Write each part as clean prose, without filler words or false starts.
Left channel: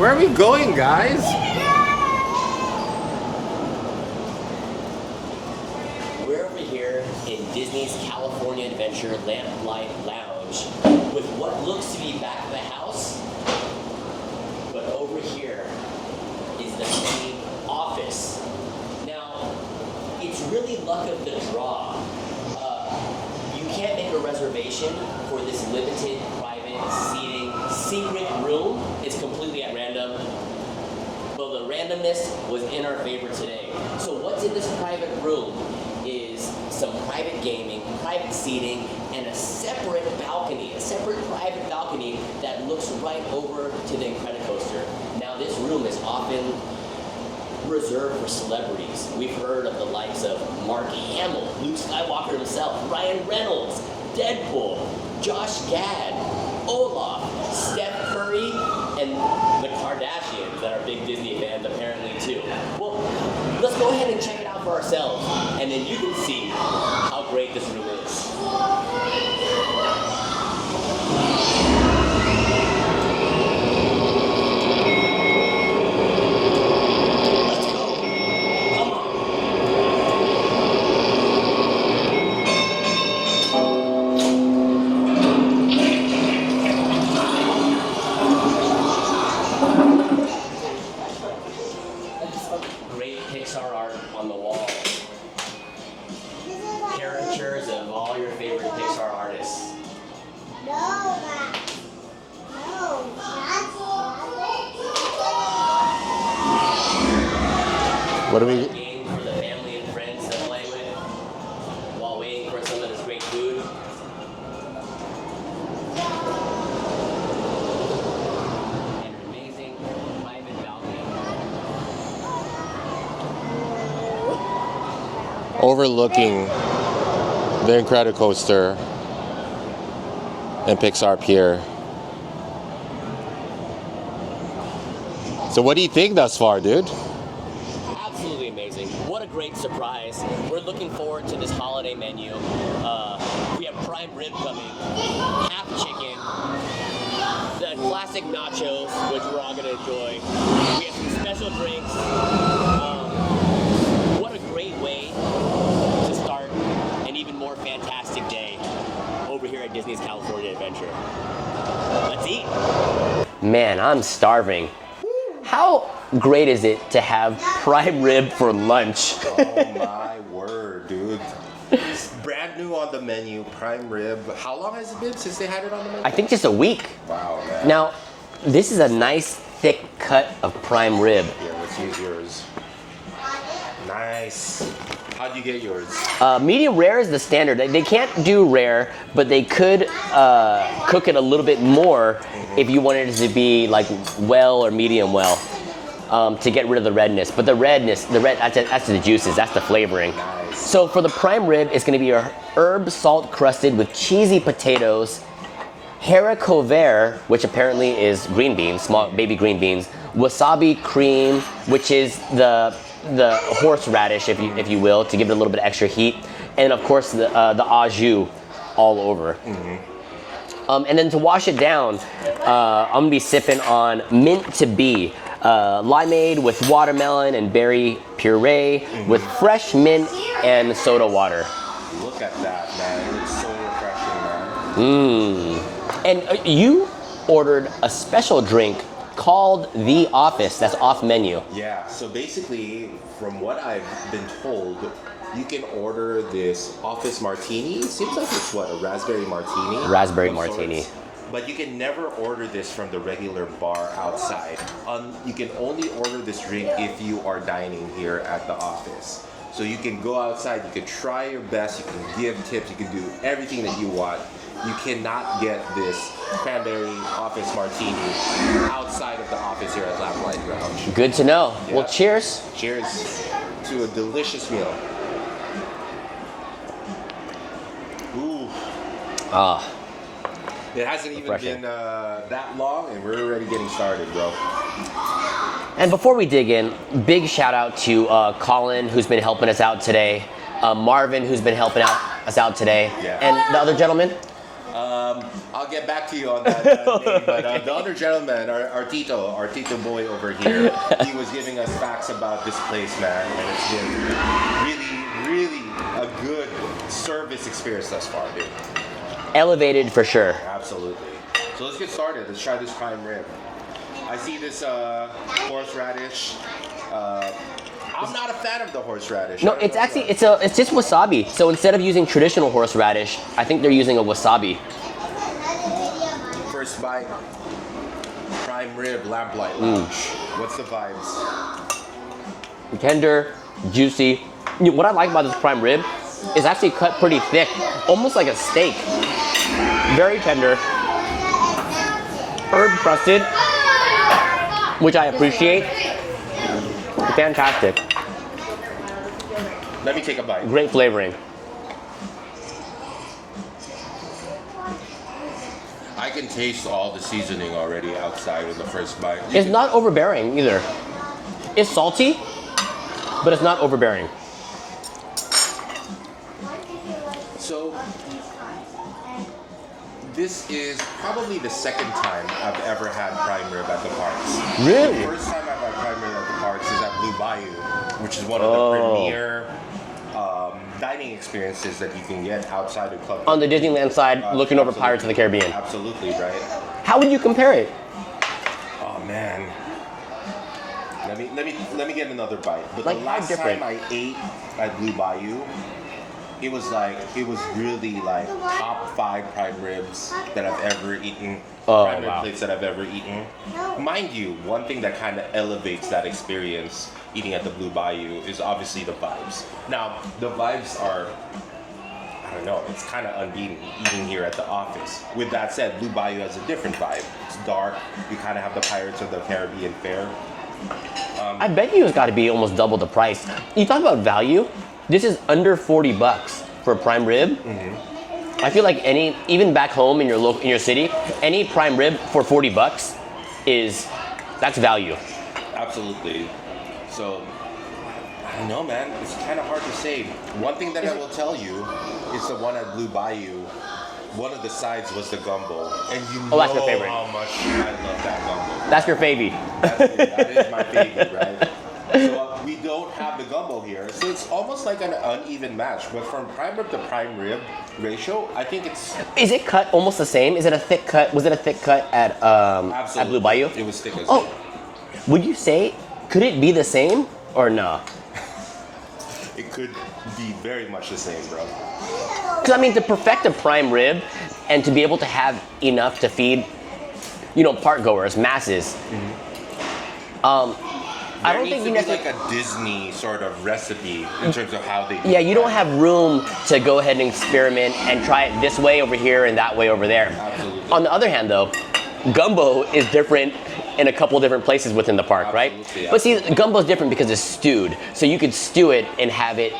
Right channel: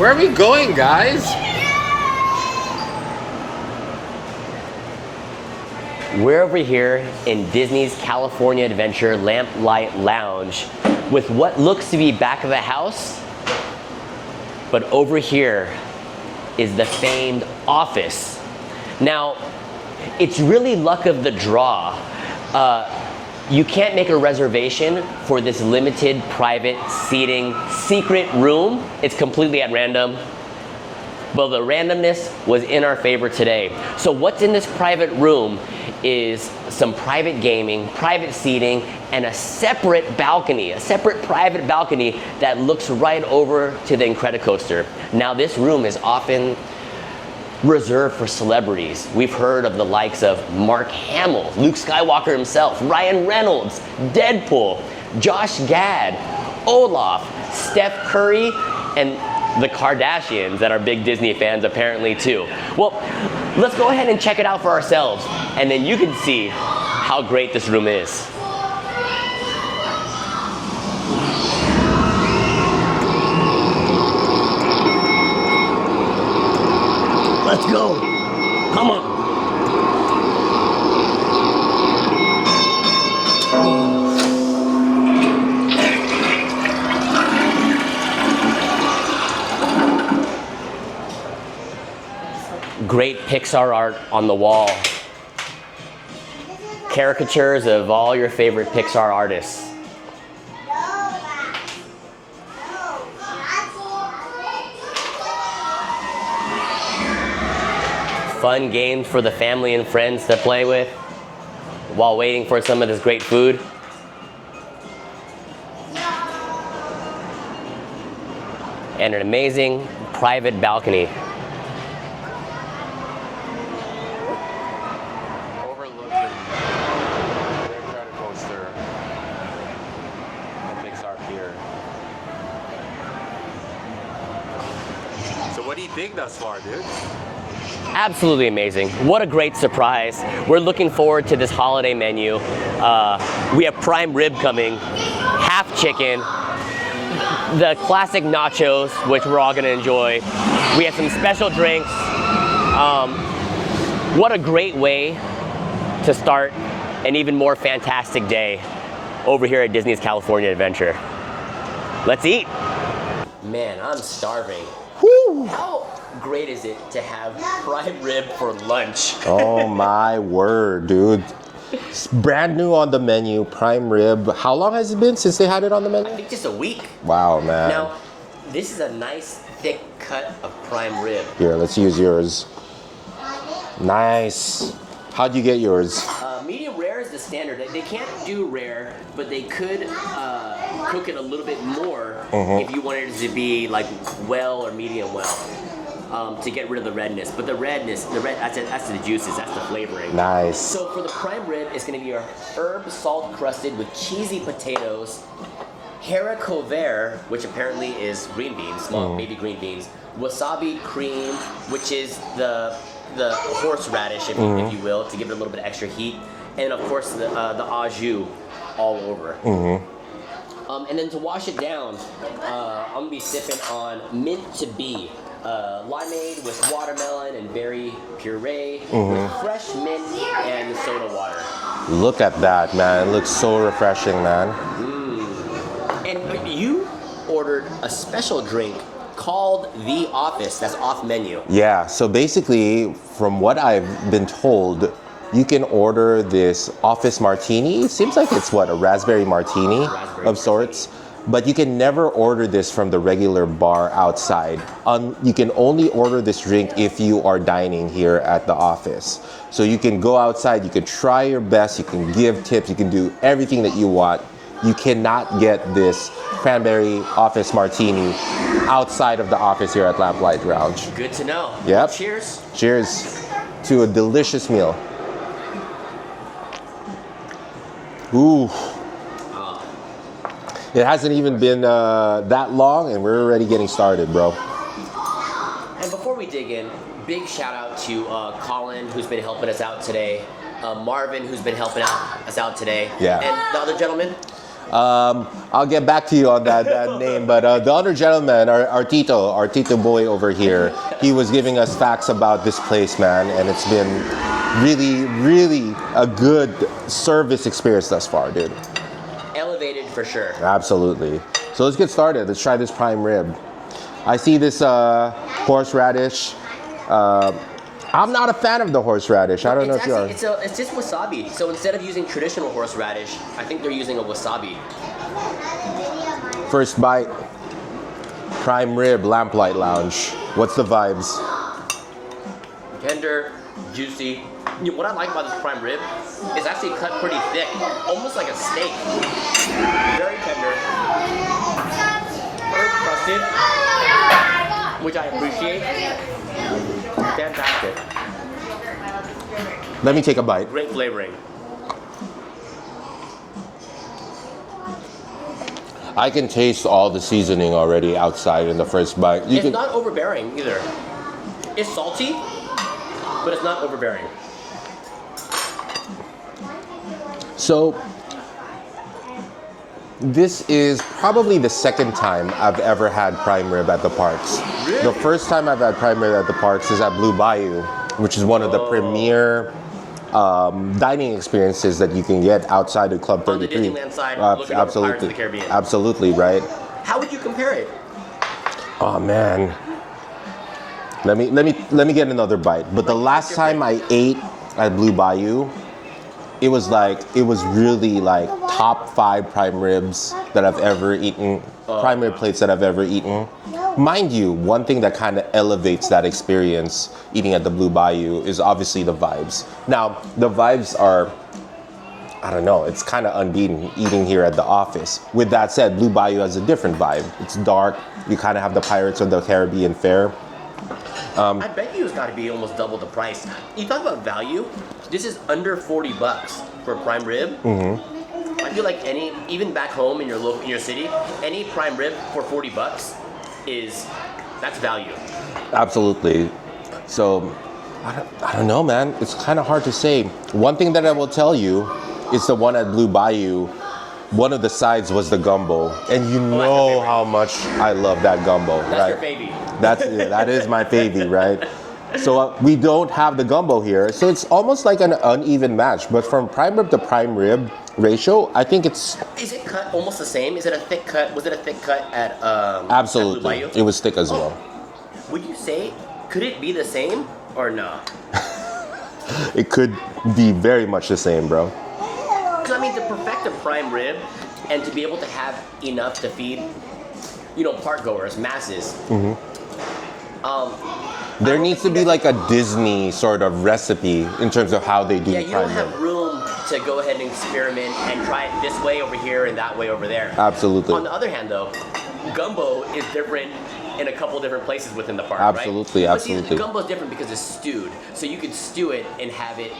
Where are we going, guys? We're over here in Disney's California Adventure Lamplight Lounge with what looks to be back of the house, but over here is the famed office. Now, it's really luck of the draw. You can't make a reservation for this limited private seating secret room. It's completely at random. But the randomness was in our favor today. So what's in this private room is some private gaming, private seating, and a separate balcony, a separate private balcony that looks right over to the Incredicoaster. Now this room is often reserved for celebrities. We've heard of the likes of Mark Hamill, Luke Skywalker himself, Ryan Reynolds, Deadpool, Josh Gad, Olaf, Steph Curry, and the Kardashians that are big Disney fans apparently too. Well, let's go ahead and check it out for ourselves, and then you can see how great this room is. Let's go. Come on. Great Pixar art on the wall. Caricatures of all your favorite Pixar artists. Fun games for the family and friends to play with while waiting for some of this great food. And an amazing private balcony. Overlooking the Incredicoaster and Pixar Pier. So what do you think thus far, dude? Absolutely amazing. What a great surprise. We're looking forward to this holiday menu. We have prime rib coming, half chicken, the classic nachos, which we're all gonna enjoy. We have some special drinks. What a great way to start an even more fantastic day over here at Disney's California Adventure. Let's eat. Man, I'm starving. Woo. How great is it to have prime rib for lunch? Oh my word, dude. It's brand new on the menu, prime rib. How long has it been since they had it on the menu? I think just a week. Wow, man. Now, this is a nice thick cut of prime rib. Here, let's use yours. Nice. How'd you get yours? Medium rare is the standard. They can't do rare, but they could cook it a little bit more if you wanted it to be like well or medium well to get rid of the redness. But the redness, that's the juices, that's the flavoring. Nice. So for the prime rib, it's gonna be a herb salt crusted with cheesy potatoes, haricot vert, which apparently is green beans, small baby green beans, wasabi cream, which is the horseradish, if you will, to give it a little bit of extra heat, and of course the au jus all over. And then to wash it down, I'm gonna be sipping on mint to be, limeade with watermelon and berry puree with fresh mint and soda water. Look at that, man. It looks so refreshing, man. And you ordered a special drink called The Office, that's off menu. Yeah, so basically, from what I've been told, you can order this office martini. It seems like it's what, a raspberry martini? Raspberry of martini. Sorts. But you can never order this from the regular bar outside. You can only order this drink if you are dining here at the office. So you can go outside, you can try your best, you can give tips, you can do everything that you want. You cannot get this cranberry office martini outside of the office here at Lamplight Lounge. Good to know. Yep. Well, cheers. Cheers to a delicious meal. Ooh. It hasn't even been that long and we're already getting started, bro. And before we dig in, big shout out to Colin, who's been helping us out today, Marvin, who's been helping us out today, Yeah. and the other gentleman. I'll get back to you on that name, but the other gentleman, our Tito boy over here, he was giving us facts about this place, man, and it's been really, really a good service experience thus far, dude. Elevated for sure. Absolutely. So let's get started. Let's try this prime rib. I see this horseradish. I'm not a fan of the horseradish. No, I don't it's know actually it's just wasabi. So instead of using traditional horseradish, I think they're using a wasabi. First bite, prime rib, Lamplight Lounge. What's the vibes? Tender, juicy. What I like about this prime rib is actually cut pretty thick, almost like a steak. Very tender, herb crusted, which I appreciate. Fantastic. Let me take a bite. Great flavoring. I can taste all the seasoning already outside in the first bite. It's not overbearing either. It's salty, but it's not overbearing. So, this is probably the second time I've ever had prime rib at the parks. Really? The first time I've had prime rib at the parks is at Blue Bayou, which is one of the premier dining experiences that you can get outside of Club 33. On the Disneyland side, looking over Pirates of the Caribbean. Absolutely, right? How would you compare it? Oh man. Let me get another bite. But the last time I ate at Blue Bayou, it was really like top 5 prime ribs that I've ever eaten. Prime rib plates that I've ever eaten. Mind you, one thing that kind of elevates that experience eating at the Blue Bayou is obviously the vibes. Now, the vibes are, I don't know, it's kind of unbeaten eating here at the office. With that said, Blue Bayou has a different vibe. It's dark. You kind of have the Pirates of the Caribbean fare. I bet you it's got to be almost double the price. You talk about value. This is under $40 for a prime rib. Mm-hmm. I feel like even back home in your city, any prime rib for $40 that's value. Absolutely. So, I don't know, man. It's kind of hard to say. One thing that I will tell you is the one at Blue Bayou. One of the sides was the gumbo, and you know how much I love that gumbo. That's your favy. That is my favy, right? So we don't have the gumbo here, so it's almost like an uneven match. But from prime rib to prime rib ratio, I think it's. Is it cut almost the same? Is it a thick cut? Was it a thick cut at Absolutely. At Blue Bayou? It was thick as well. Would you say could it be the same or no? It could be very much the same, bro. Because I mean, to perfect a prime rib and to be able to have enough to feed, park goers, masses. Mm-hmm. There needs to be like a Disney sort of recipe in terms of how they do. Yeah, you don't have room to go ahead and experiment and try it this way over here and that way over there. Absolutely. On the other hand, though, gumbo is different in a couple different places within the park, right? Absolutely. But see, gumbo's different because it's stewed, so you could stew it and have it.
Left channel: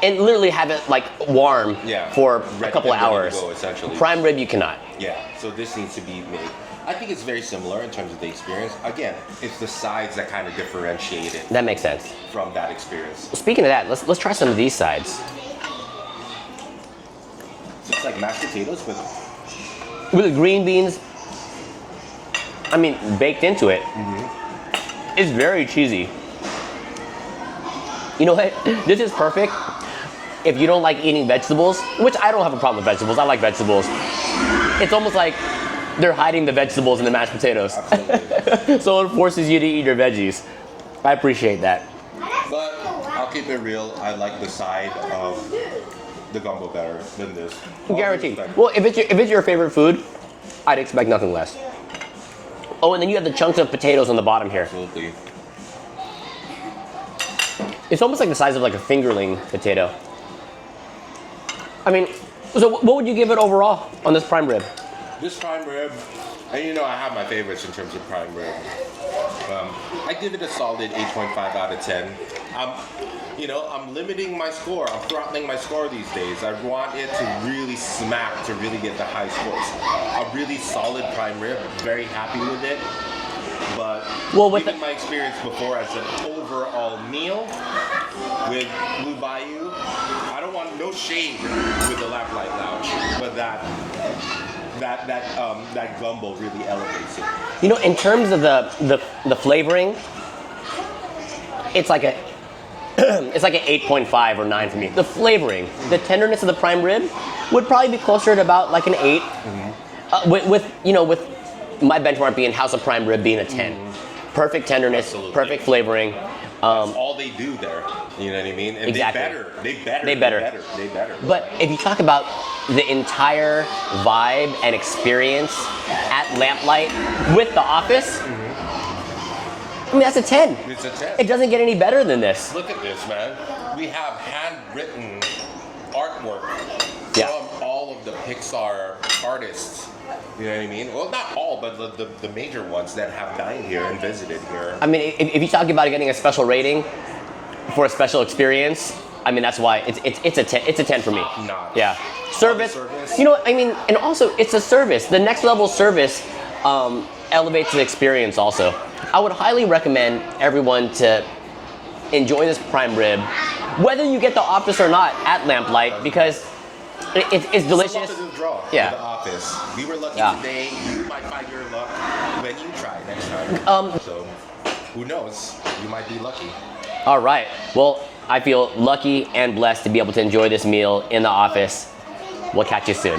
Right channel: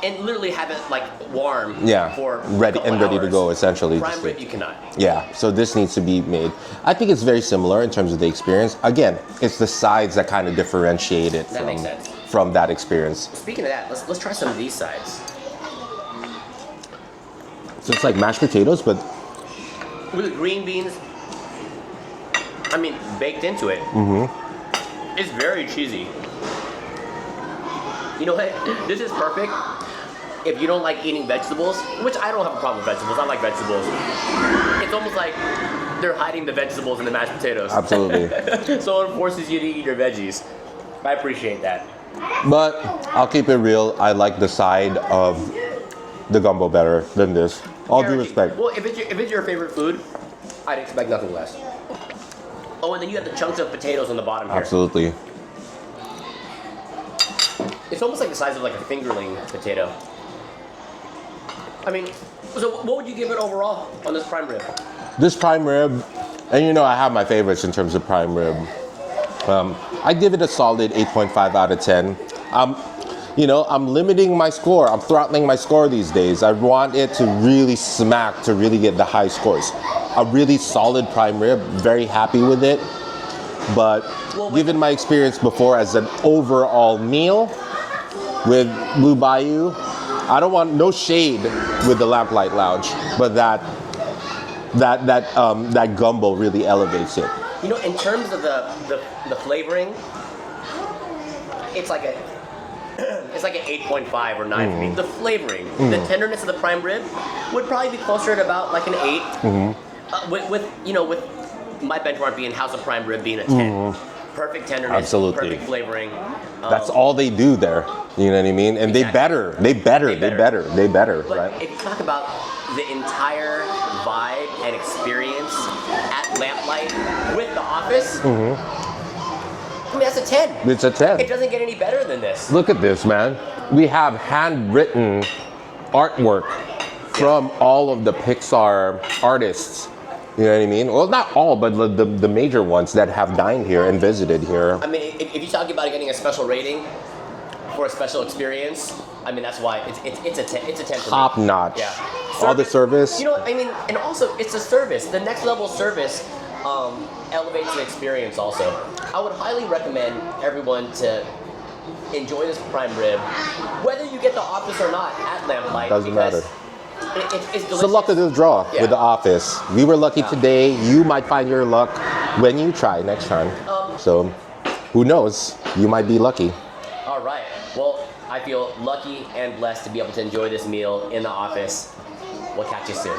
And literally have it like warm for a couple hours. Ready to go, essentially. Prime rib, you cannot. Yeah, so this needs to be made. I think it's very similar in terms of the experience. Again, it's the sides that kind of differentiate it. That makes sense. From that experience. Speaking of that, let's try some of these sides. So it's like mashed potatoes, but with the green beans, baked into it. Mm-hmm. It's very cheesy. You know what? This is perfect if you don't like eating vegetables, which I don't have a problem with vegetables. I like vegetables. It's almost like they're hiding the vegetables in the mashed potatoes. Absolutely. So it forces you to eat your veggies. I appreciate that. But I'll keep it real. I like the side of the gumbo better than this. All due respect. Well, if it's your favorite food, I'd expect nothing less. Oh, and then you have the chunks of potatoes on the bottom here. Absolutely. It's almost like the size of like a fingerling potato. So what would you give it overall on this prime rib? This prime rib, and I have my favorites in terms of prime rib. I give it a solid 8.5 out of 10. I'm limiting my score. I'm throttling my score these days. I want it to really smack to really get the high scores. A really solid prime rib, very happy with it. But given my experience before as an overall meal with Blue Bayou, I don't want no shade with the Lamplight Lounge, but that that gumbo really elevates it. You know, in terms of the flavoring, it's like a it's like an 8.5 or 9 for me. The flavoring, the tenderness of the prime rib would probably be closer to about like an 8. With my benchmark being House of Prime Rib being a 10. Perfect tenderness, Absolutely. perfect flavoring. That's all they do there. You know what I mean? And Exactly. they better. But right? if you talk about the entire vibe and experience at Lamplight with the office, I mean, that's a 10. It's a 10. It doesn't get any better than this. Look at this, man. We have handwritten artwork from all of the Pixar artists. You know what I mean? Well, not all, but the major ones that have dined here and visited here. I mean, if you talk about getting a special rating for a special experience, I mean, that's why it's a 10. It's a 10 for me. Top notch. Yeah. All the service. You know what I mean? And also, it's a service. The next level service elevates the experience also. I would highly recommend everyone to enjoy this prime rib, whether you get the office or not at Lamplight, Doesn't because matter. It's delicious. It's a luck of the draw Yeah. with the office. We were lucky Yeah. today. You might find your luck when you try next time. So, who knows? You might be lucky. All right. Well, I feel lucky and blessed to be able to enjoy this meal in the office. We'll catch you soon.